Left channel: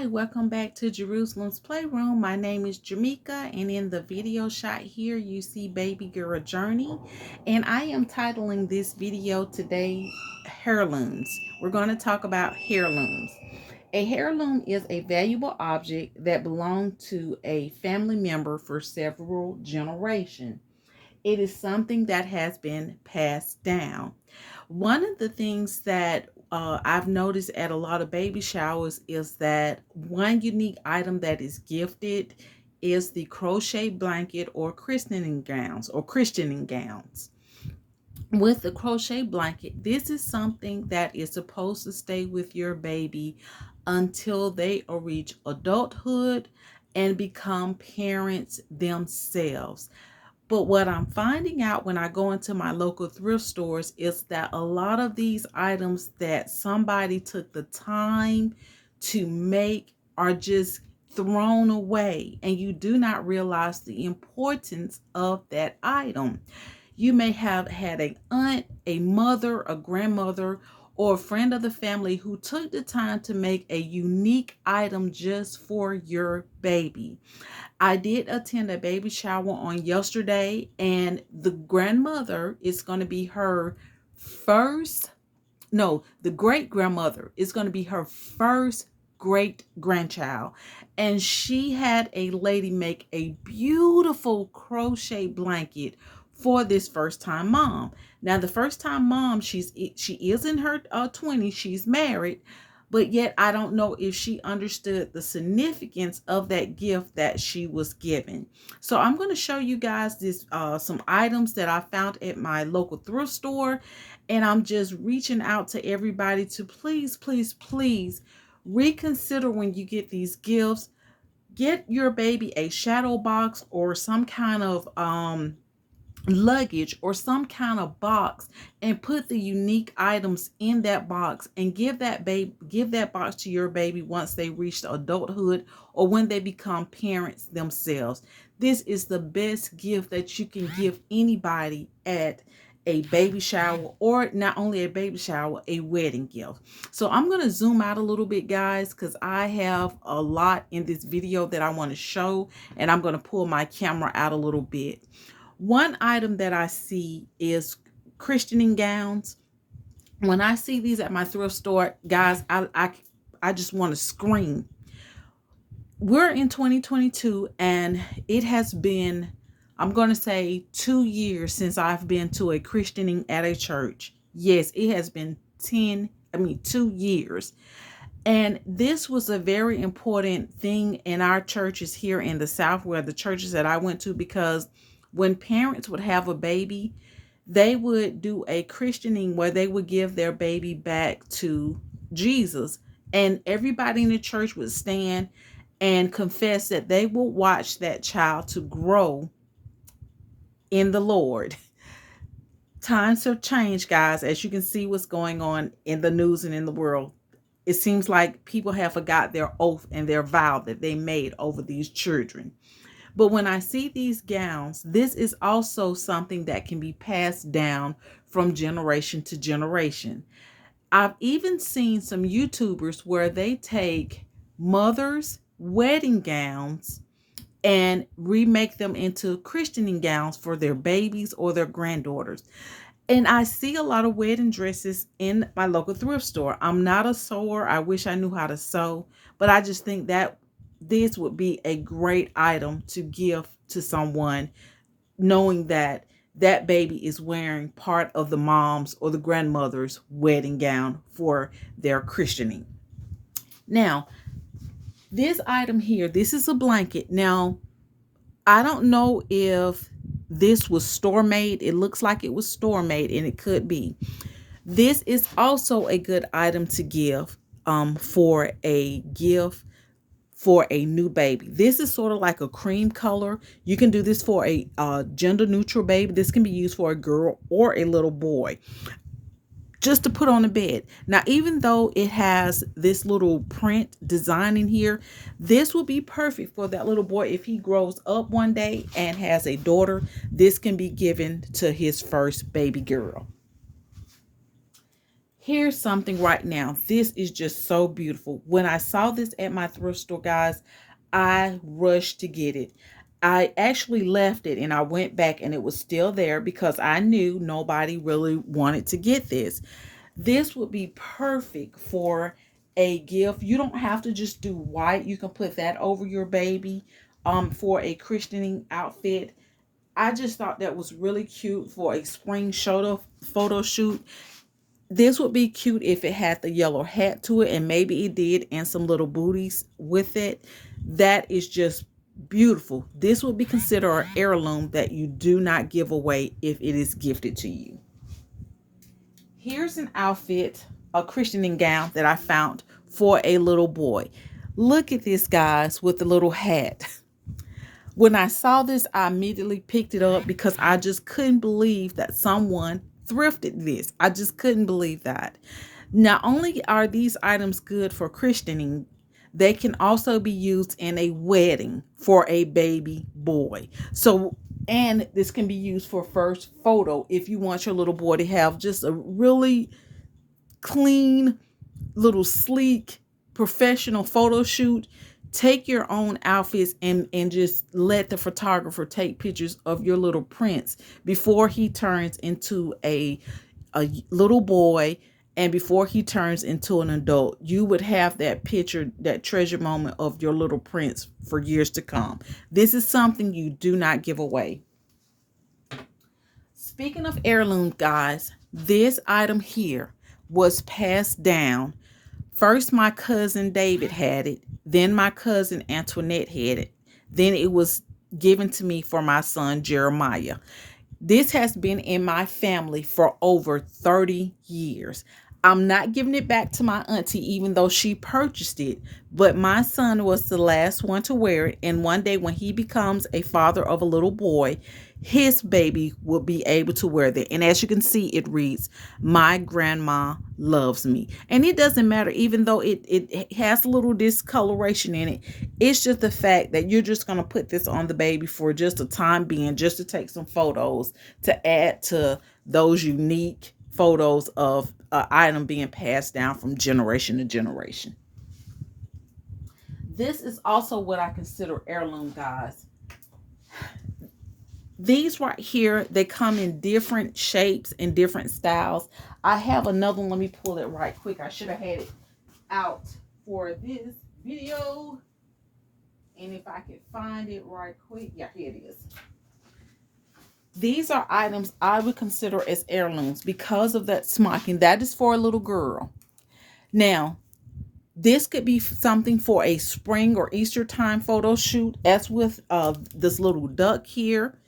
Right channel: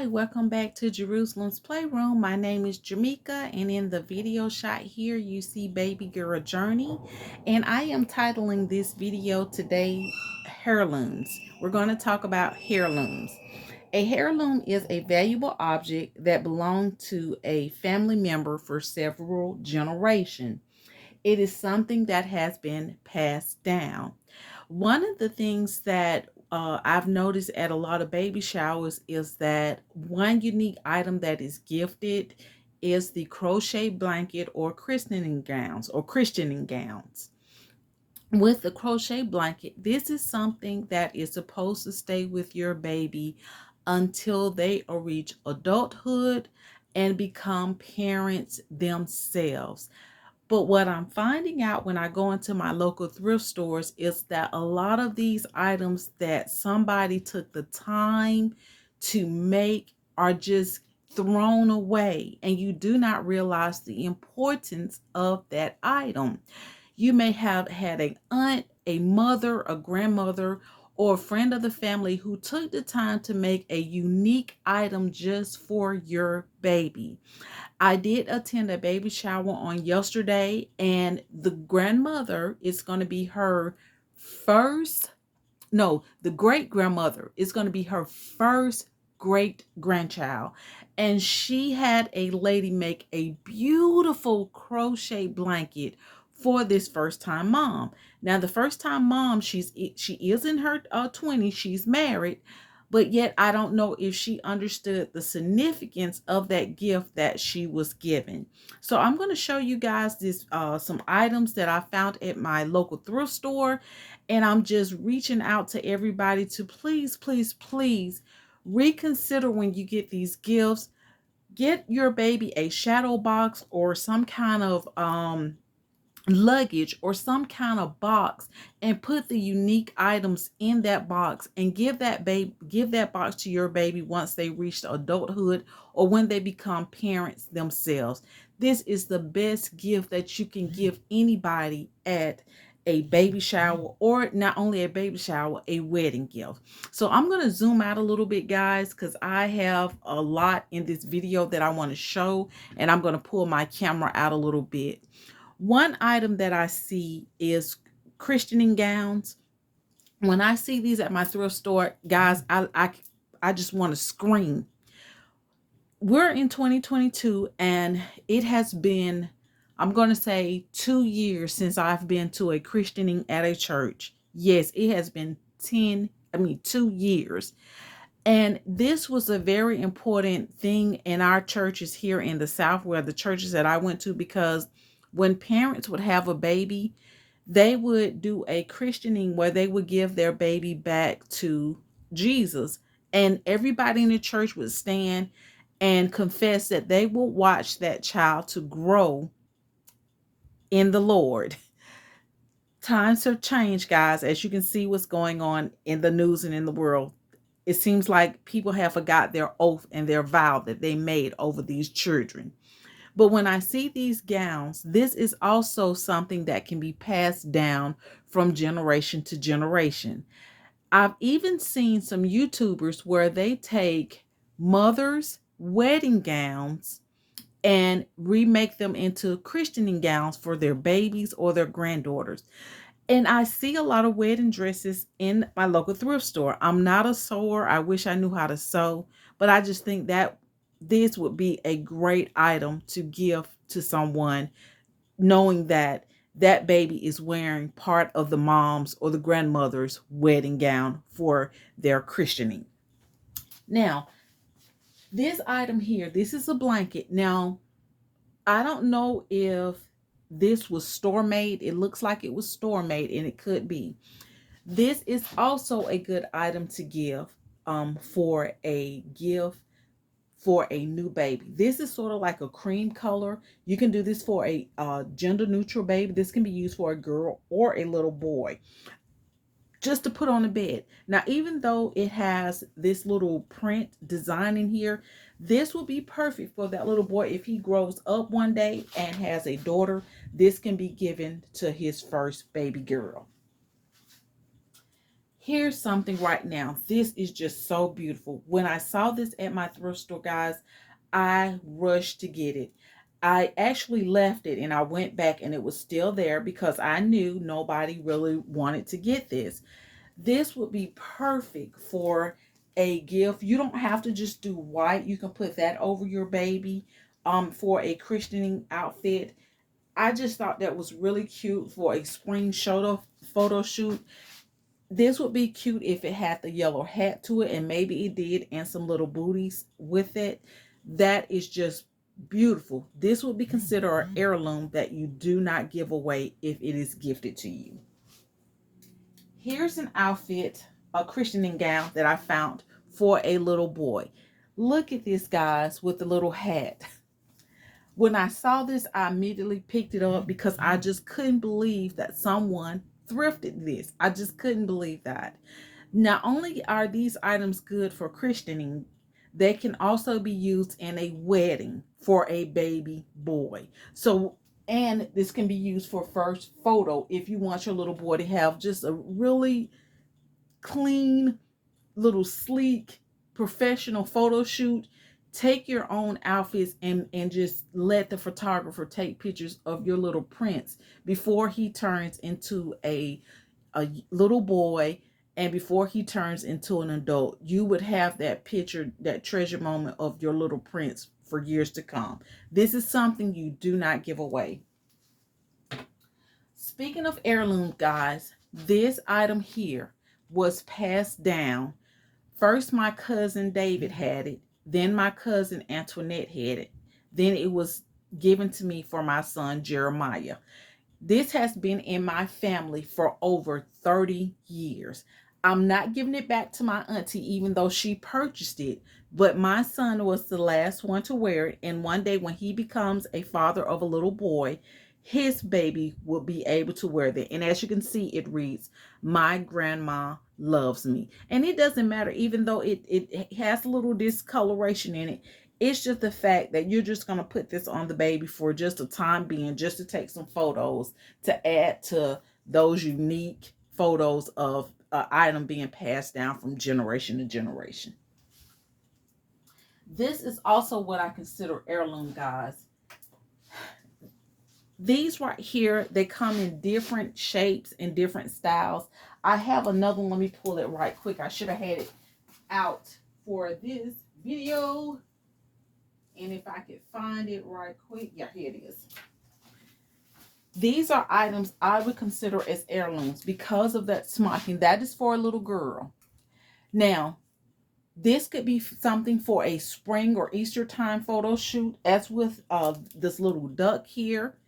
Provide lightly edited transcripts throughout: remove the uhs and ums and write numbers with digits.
Hi, welcome back to Jerusalem's Playroom. My name is Jamaica, and in the video shot here, you see Baby Girl Journey. And I am titling this video today, Heirlooms. We're going to talk about heirlooms. A heirloom is a valuable object that belonged to a family member for several generations. It is something that has been passed down. One of the things that I've noticed at a lot of baby showers is that one unique item that is gifted is the crochet blanket or christening gowns. With the crochet blanket, this is something that is supposed to stay with your baby until they reach adulthood and become parents themselves. But what I'm finding out when I go into my local thrift stores is that a lot of these items that somebody took the time to make are just thrown away, and you do not realize the importance of that item. You may have had an aunt, a mother, a grandmother, or a friend of the family who took the time to make a unique item just for your baby. I did attend a baby shower on yesterday, and the grandmother is going to be her first, no, the great grandmother is going to be her first great grandchild. And she had a lady make a beautiful crochet blanket for this first time mom. Now, the first time mom, she is in her 20s, she's married, but yet I don't know if she understood the significance of that gift that she was given. So I'm going to show you guys this some items that I found at my local thrift store, and I'm just reaching out to everybody to please, please, please reconsider when you get these gifts. Get your baby a shadow box or some kind of luggage or some kind of box, and put the unique items in that box, and give that box to your baby once they reach adulthood or when they become parents themselves. This is the best gift that you can give anybody at a baby shower, or not only a baby shower, a wedding gift. So I'm going to zoom out a little bit, guys, because I have a lot in this video that I want to show, and I'm going to pull my camera out a little bit. One item that I see is christening gowns. When I see these at my thrift store, guys, I just want to scream. We're in 2022, and it has been, I'm going to say, 2 years since I've been to a christening at a church. Yes, it has been 2 years. And this was a very important thing in our churches here in the South, where the churches that I went to, because when parents would have a baby, they would do a christening where they would give their baby back to Jesus. And everybody in the church would stand and confess that they will watch that child to grow in the Lord. Times have changed, guys, as you can see what's going on in the news and in the world. It seems like people have forgot their oath and their vow that they made over these children. But when I see these gowns, this is also something that can be passed down from generation to generation. I've even seen some YouTubers where they take mothers' wedding gowns and remake them into christening gowns for their babies or their granddaughters. And I see a lot of wedding dresses in my local thrift store. I'm not a sewer. I wish I knew how to sew, but I just think that this would be a great item to give to someone, knowing that that baby is wearing part of the mom's or the grandmother's wedding gown for their christening. Now, this item here, this is a blanket. Now, I don't know if this was store made. It looks like it was store made, and it could be. This is also a good item to give for a gift for a new baby. This is sort of like a cream color. You can do this for a gender neutral baby. This can be used for a girl or a little boy, just to put on the bed. Now, even though it has this little print design in here, this will be perfect for that little boy. If he grows up one day and has a daughter, this can be given to his first baby girl. Here's something right now. This is just so beautiful. When I saw this at my thrift store, guys, I rushed to get it. I actually left it and I went back and it was still there because I knew nobody really wanted to get this. This would be perfect for a gift. You don't have to just do white. You can put that over your baby for a christening outfit. I just thought that was really cute for a spring photo shoot. This would be cute if it had the yellow hat to it, and maybe it did, and some little booties with it. That is just beautiful. This would be considered an heirloom that you do not give away if it is gifted to you. Here's an outfit, a christening gown that I found for a little boy. Look at this, guys, with the little hat. When I saw this, I immediately picked it up because I just couldn't believe that someone thrifted this. I just couldn't believe that. Not only are these items good for christening, they can also be used in a wedding for a baby boy. So, and this can be used for first photo if you want your little boy to have just a really clean, little sleek, professional photo shoot. Take your own outfits and just let the photographer take pictures of your little prince before he turns into a little boy and before he turns into an adult. You would have that picture, that treasure moment of your little prince for years to come. This is something you do not give away. Speaking of heirloom, guys, this item here was passed down. First, my cousin David had it. Then my cousin Antoinette had it. Then it was given to me for my son Jeremiah. This has been in my family for over 30 years. I'm not giving it back to my auntie, even though she purchased it. But my son was the last one to wear it. And one day when he becomes a father of a little boy, his baby will be able to wear that. And as you can see, it reads, "My grandma loves me." And it doesn't matter, even though it has a little discoloration in it. It's just the fact that you're just going to put this on the baby for just a time being, just to take some photos to add to those unique photos of an item being passed down from generation to generation. This is also what I consider heirloom, guys. These right here, they come in different shapes and different styles. I have another one. Let me pull it right quick. I should have had it out for this video. And if I could find it right quick. Yeah, here it is. These are items I would consider as heirlooms because of that smocking. That is for a little girl. Now, this could be something for a spring or Easter time photo shoot, as with this little duck here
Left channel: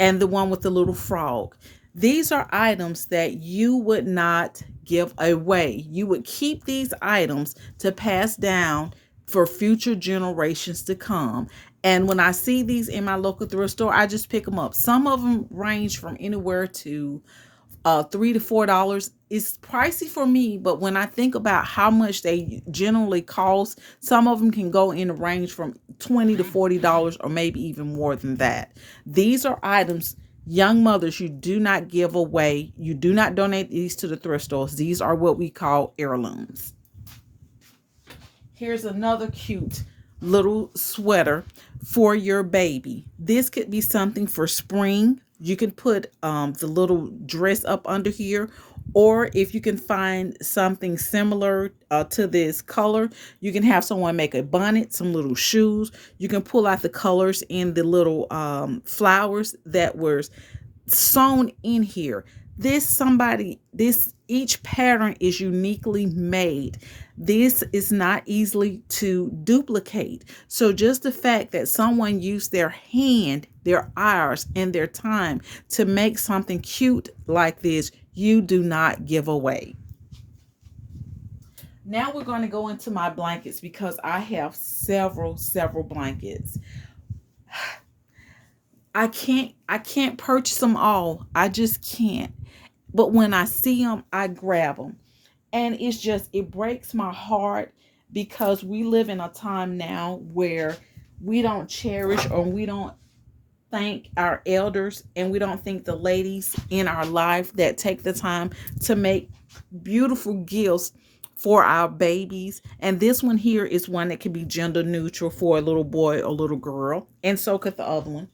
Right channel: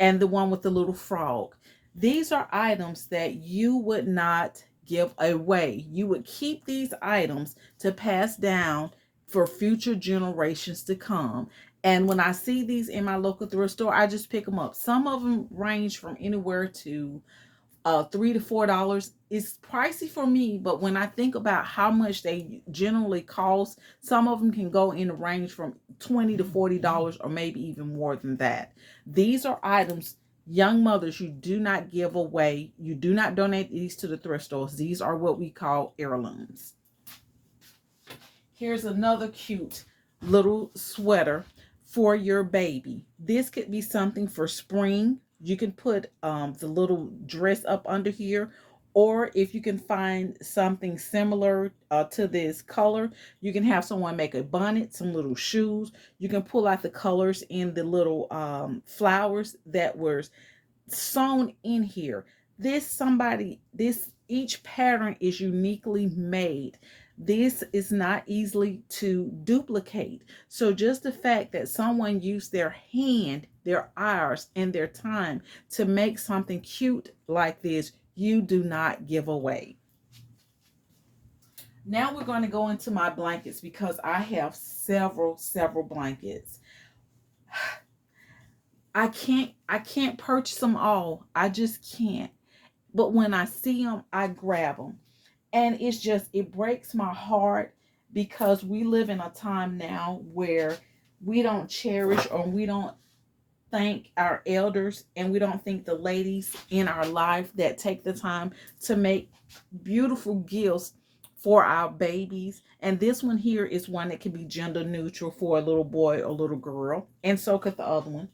and the one with the little frog. These are items that you would not give away. You would keep these items to pass down for future generations to come. And when I see these in my local thrift store, I just pick them up. Some of them range from anywhere to $3 to $4. It's pricey for me, but when I think about how much they generally cost, some of them can go in a range from $20 to $40 or maybe even more than that. These are items, young mothers, you do not give away. You do not donate these to the thrift stores. These are what we call heirlooms. Here's another cute little sweater for your baby. This could be something for spring. You can put the little dress up under here, or if you can find something similar to this color, you can have someone make a bonnet, some little shoes. You can pull out the colors in the little flowers that were sewn in here. Each pattern is uniquely made. This is not easily to duplicate. So just the fact that someone used their hand, their hours, and their time to make something cute like this, you do not give away. Now we're going to go into my blankets because I have several blankets. I can't purchase them all. I just can't. But when I see them, I grab them. And it breaks my heart because we live in a time now where we don't cherish or we don't thank our elders and we don't thank the ladies in our life that take the time to make beautiful gifts for our babies. And this one here is one that can be gender neutral for a little boy or little girl. And so could the other one.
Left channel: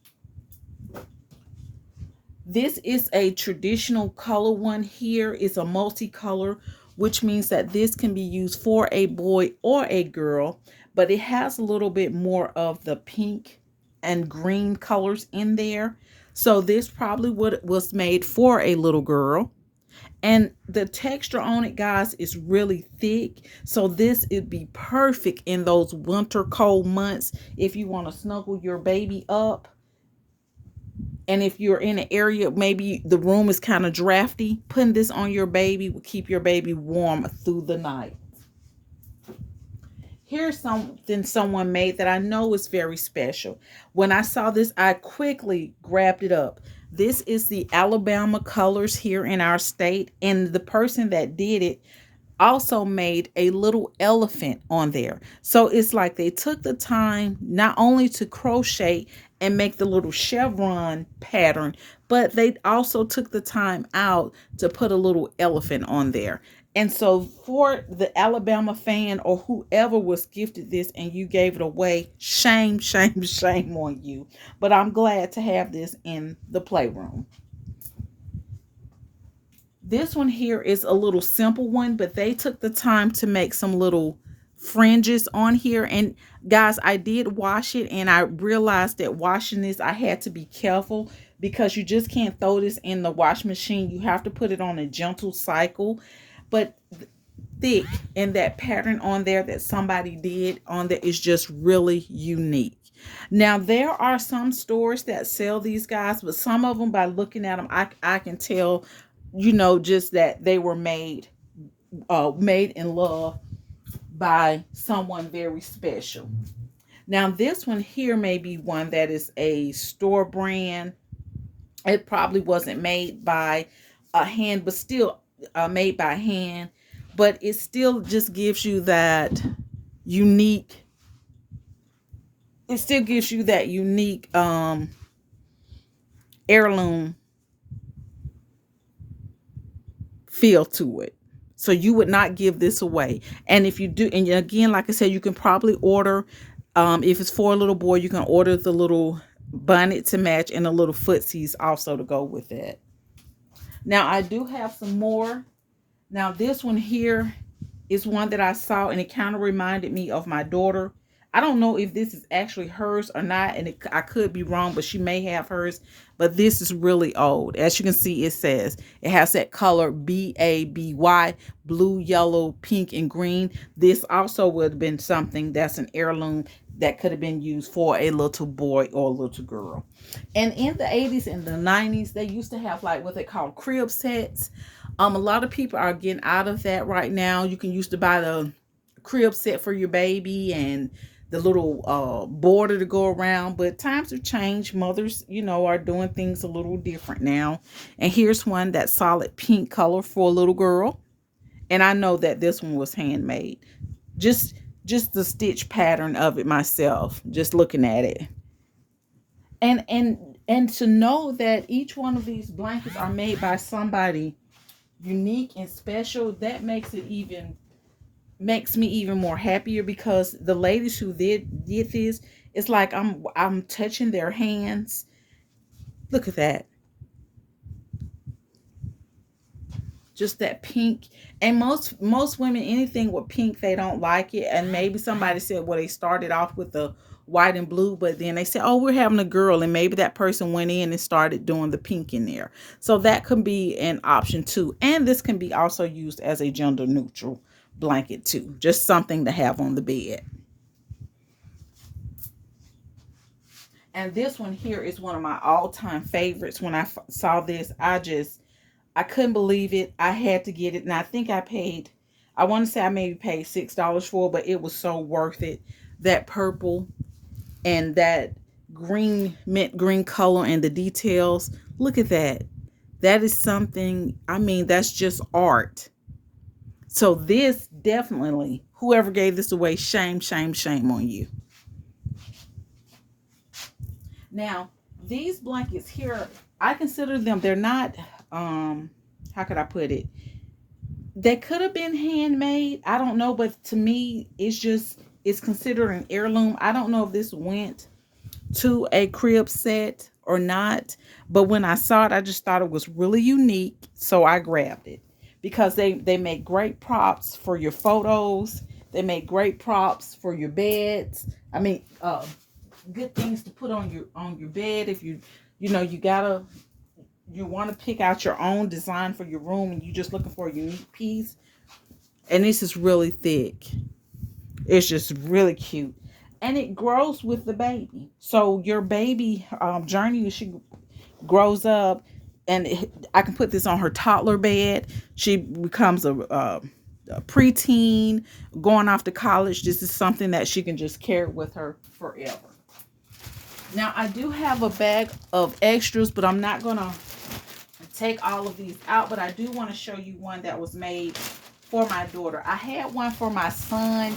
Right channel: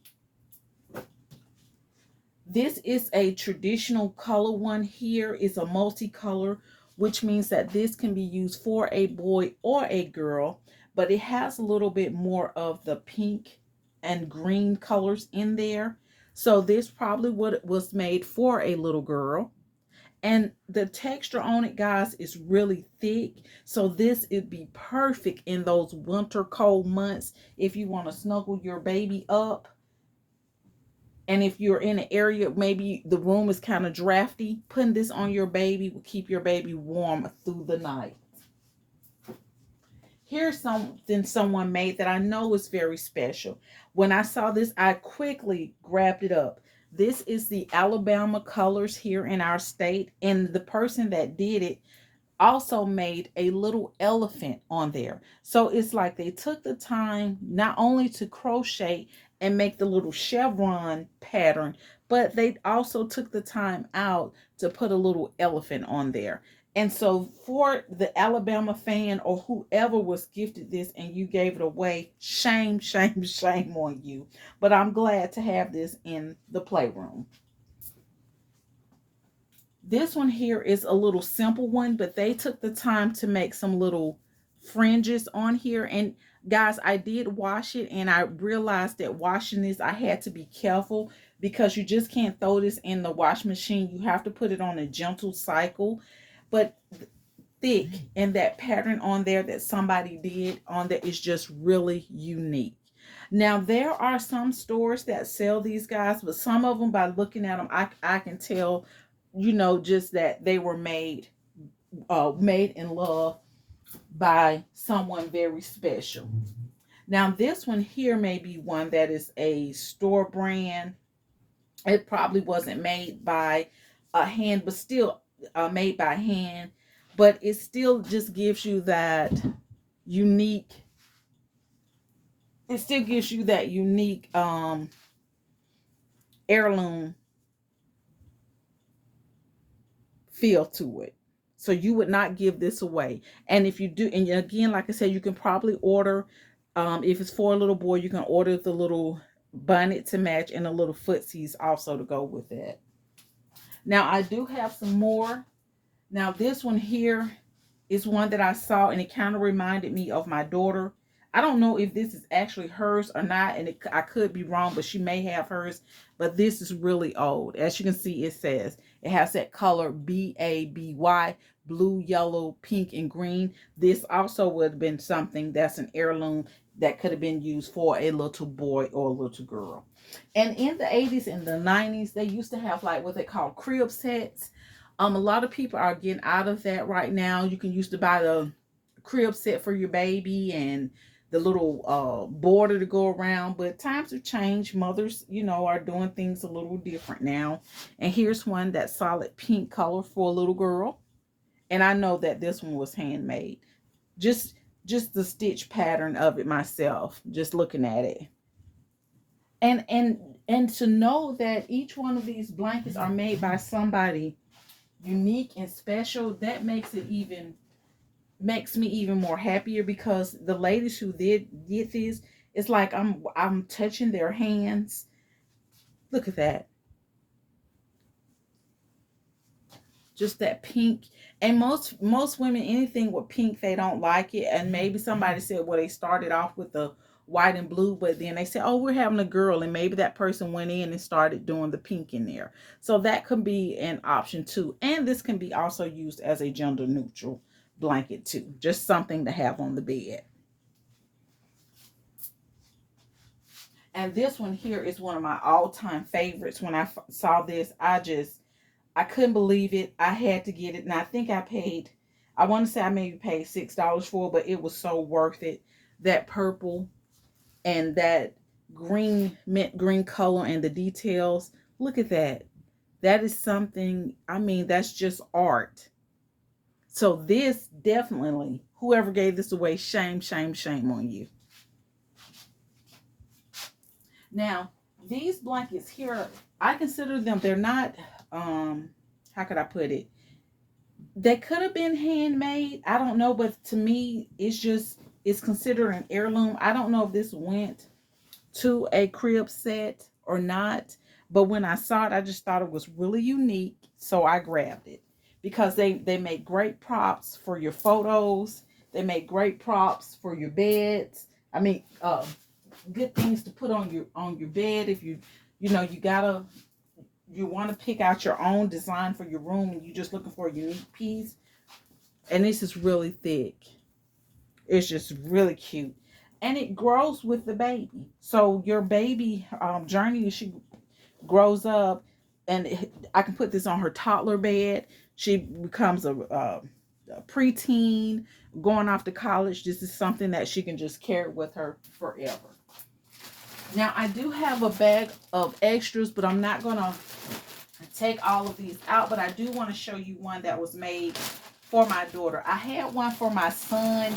This is a traditional color one here. It's a multicolor, which means that this can be used for a boy or a girl, but it has a little bit more of the pink and green colors in there. So this probably was made for a little girl. And the texture on it, guys, is really thick. So this would be perfect in those winter cold months if you want to snuggle your baby up. And if you're in an area, maybe the room is kind of drafty, putting this on your baby will keep your baby warm through the night. Here's something someone made that I know is very special. When I saw this, I quickly grabbed it up. This is the Alabama colors here in our state. And the person that did it also made a little elephant on there. So it's like they took the time not only to crochet and make the little chevron pattern, but they also took the time out to put a little elephant on there. And so for the Alabama fan or whoever was gifted this and you gave it away, shame, shame, shame on you. But I'm glad to have this in the playroom. This one here is a little simple one, but they took the time to make some little fringes on here. And guys, I did wash it and I realized that washing this, I had to be careful because you just can't throw this in the wash machine. You have to put it on a gentle cycle. But thick, and that pattern on there that somebody did on there is just really unique. Now, there are some stores that sell these guys, but some of them, by looking at them, I can tell, you know, just that they were made in love by someone very special. Now, this one here may be one that is a store brand. It probably wasn't made by a hand, but still made by hand. But it still just gives you that unique. It still gives you that unique heirloom feel to it. So you would not give this away. And if you do, and again, like I said, you can probably order, if it's for a little boy, you can order the little bonnet to match and the little footsies also to go with it. Now, I do have some more. Now, this one here is one that I saw, and it kind of reminded me of my daughter. I don't know if this is actually hers or not, and I could be wrong, but she may have hers. But this is really old. As you can see, it says it has that color BABY, blue, yellow, pink, and green. This also would have been something that's an heirloom that could have been used for a little boy or a little girl. And in the 80s and the 90s, they used to have like what they call crib sets. A lot of people are getting out of that right now. You can used to buy the crib set for your baby and the little border to go around, but times have changed. Mothers, you know, are doing things a little different now. And here's one that's solid pink color for a little girl. And I know that this one was handmade. Just the stitch pattern of it myself, just looking at it. And to know that each one of these blankets are made by somebody unique and special, that makes me even more happier, because the ladies who did this, it's like I'm touching their hands. Look at that. Just that pink. And most women, anything with pink, they don't like it. And maybe somebody said, well, they started off with the white and blue, but then they said, oh, we're having a girl, and maybe that person went in and started doing the pink in there. So that can be an option too. And this can be also used as a gender neutral blanket too, just something to have on the bed. And this one here is one of my all-time favorites. When I saw this, I couldn't believe it. I had to get it, and I think I want to say I maybe paid $6 for it, but it was so worth it. That purple and that green, mint green color, and the details, look at that. That is something, I mean, that's just art. So this definitely, whoever gave this away, shame, shame, shame on you. Now, these blankets here, I consider them, they're not, how could I put it? They could have been handmade. I don't know, but to me, it's considered an heirloom. I don't know if this went to a crib set or not, but when I saw it, I just thought it was really unique, so I grabbed it because they make great props for your photos. They make great props for your beds. I mean, good things to put on your bed if you want to pick out your own design for your room and you're just looking for a unique piece. And this is really thick. It's just really cute. And it grows with the baby. So your baby journey, as she grows up, and I can put this on her toddler bed. She becomes a preteen, going off to college. This is something that she can just carry with her forever. Now, I do have a bag of extras, but I'm not going to take all of these out. But I do want to show you one that was made for my daughter. I had one for my son,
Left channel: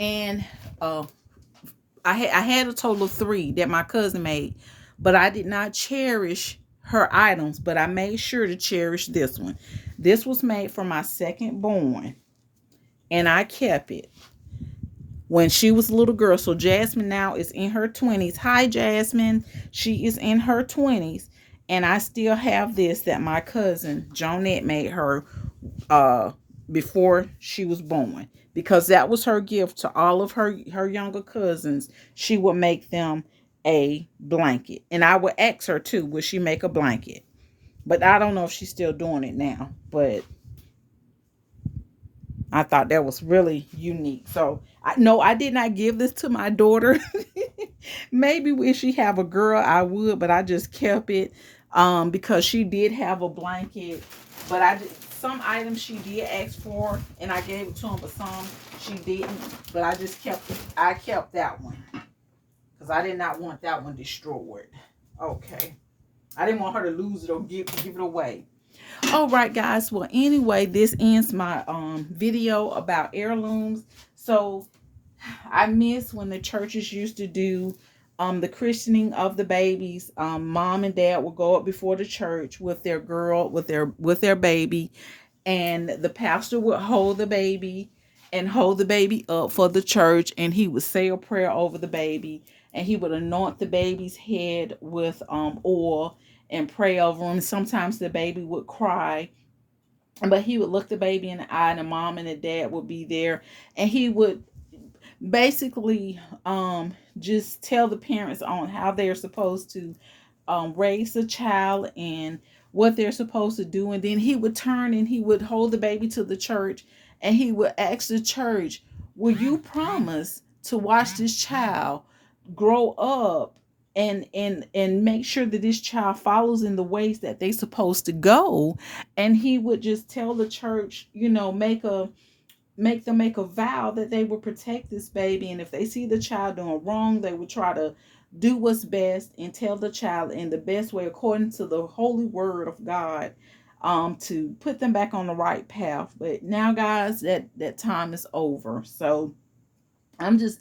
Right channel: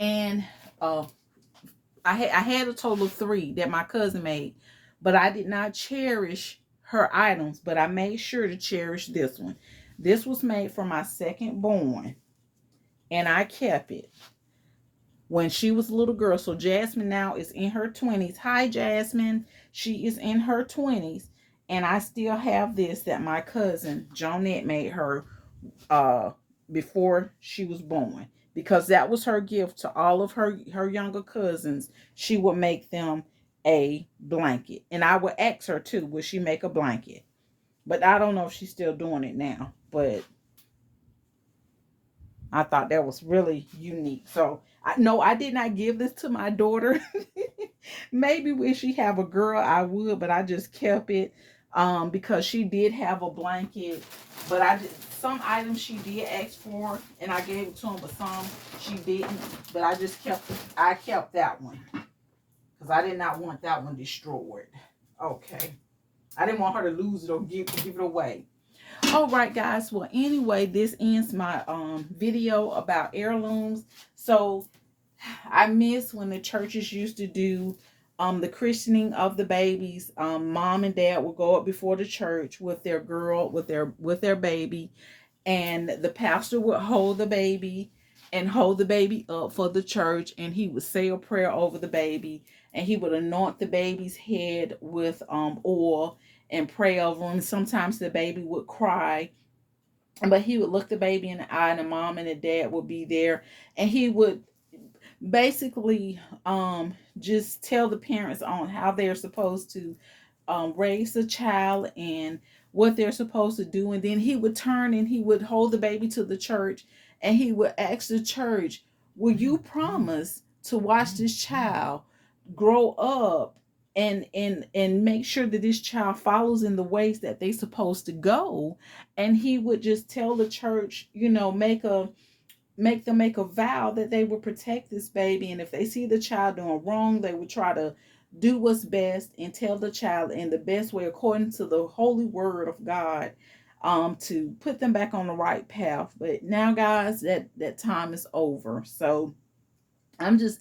and I had a total of 3 that my cousin made. But I did not cherish her items, but I made sure to cherish this one. This was made for my second born, and I kept it when she was a little girl. So Jasmine now is in her 20s. Hi, Jasmine. She is in her 20s. And I still have this that my cousin, Jonette, made her before she was born. Because that was her gift to all of her younger cousins. She would make them a blanket. And I would ask her, too, would she make a blanket? But I don't know if she's still doing it now. But I thought that was really unique. So, I did not give this to my daughter. Maybe if she have a girl, I would, but I just kept it because she did have a blanket. But some items she did ask for, and I gave it to him, but some she didn't. But I just kept it. I kept that one because I did not want that one destroyed. Okay. I didn't want her to lose it or give it away. All right, guys. Well, anyway, this ends my video about heirlooms. So I miss when the churches used to do the christening of the babies. Mom and dad would go up before the church with their girl, with their baby, and the pastor would hold the baby up for the church, and he would say a prayer over the baby, and he would anoint the baby's head with oil and pray over him. Sometimes the baby would cry, but he would look the baby in the eye, and the mom and the dad would be there, and he would basically just tell the parents on how they're supposed to raise the child and what they're supposed to do. And then he would turn and he would hold the baby to the church, and he would ask the church, will you promise to watch this child grow up and make sure that this child follows in the ways that they're supposed to go? And he would just tell the church, make them make a vow that they will protect this baby, and if they see the child doing wrong, they would try to do what's best and tell the child in the best way according to the holy word of God, to put them back on the right path. But now, guys, that time is over. So I'm just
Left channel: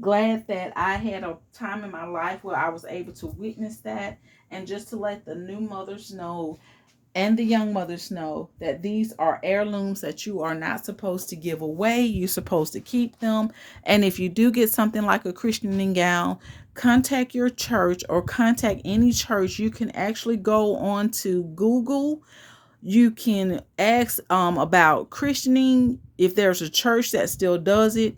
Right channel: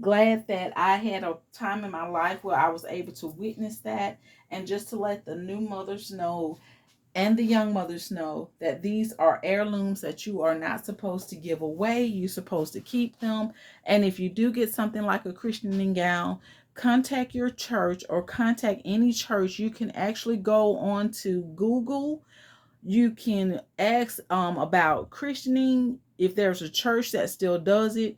glad that I had a time in my life where I was able to witness that, and just to let the new mothers know and the young mothers know that these are heirlooms that you are not supposed to give away. You're supposed to keep them. And if you do get something like a christening gown, contact your church or contact any church. You can actually go on to Google. You can ask about christening. If there's a church that still does it,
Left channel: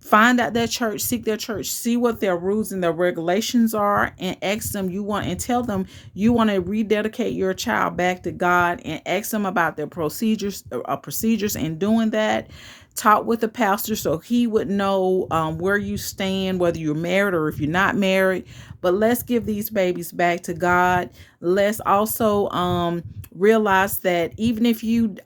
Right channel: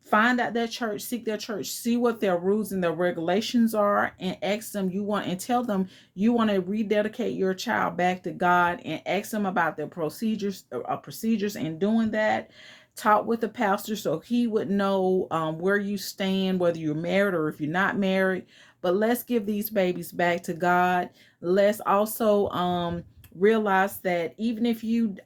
find out their church, seek their church, see what their rules and their regulations are, and ask them and tell them you want to rededicate your child back to God, and ask them about their procedures in doing that. Talk with the pastor so he would know where you stand, whether you're married or if you're not married. But let's give these babies back to God. Let's also realize that even if you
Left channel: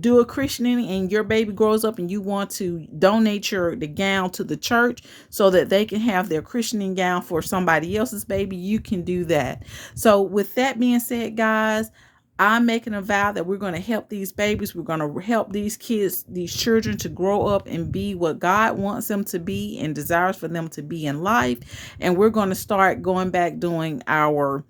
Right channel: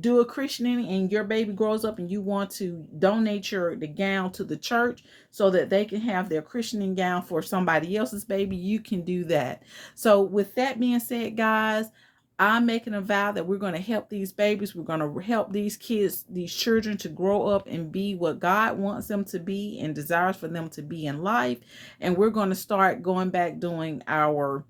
do a christening and your baby grows up and you want to donate the gown to the church so that they can have their christening gown for somebody else's baby, you can do that. So with that being said, guys, I'm making a vow that we're going to help these babies. We're going to help these kids, these children, to grow up and be what God wants them to be and desires for them to be in life. And we're going to start going back doing our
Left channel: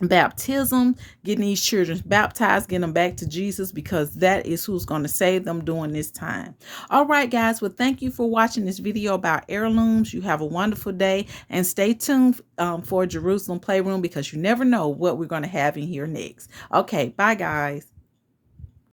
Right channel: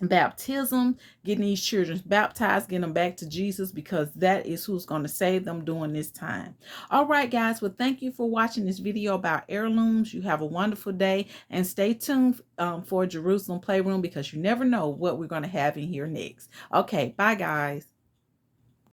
baptism, getting these children baptized, getting them back to Jesus, because that is who's going to save them during this time. All right, guys. Well, thank you for watching this video about heirlooms. You have a wonderful day, and stay tuned for Jerusalem Playroom, because you never know what we're going to have in here next. Okay, bye, guys.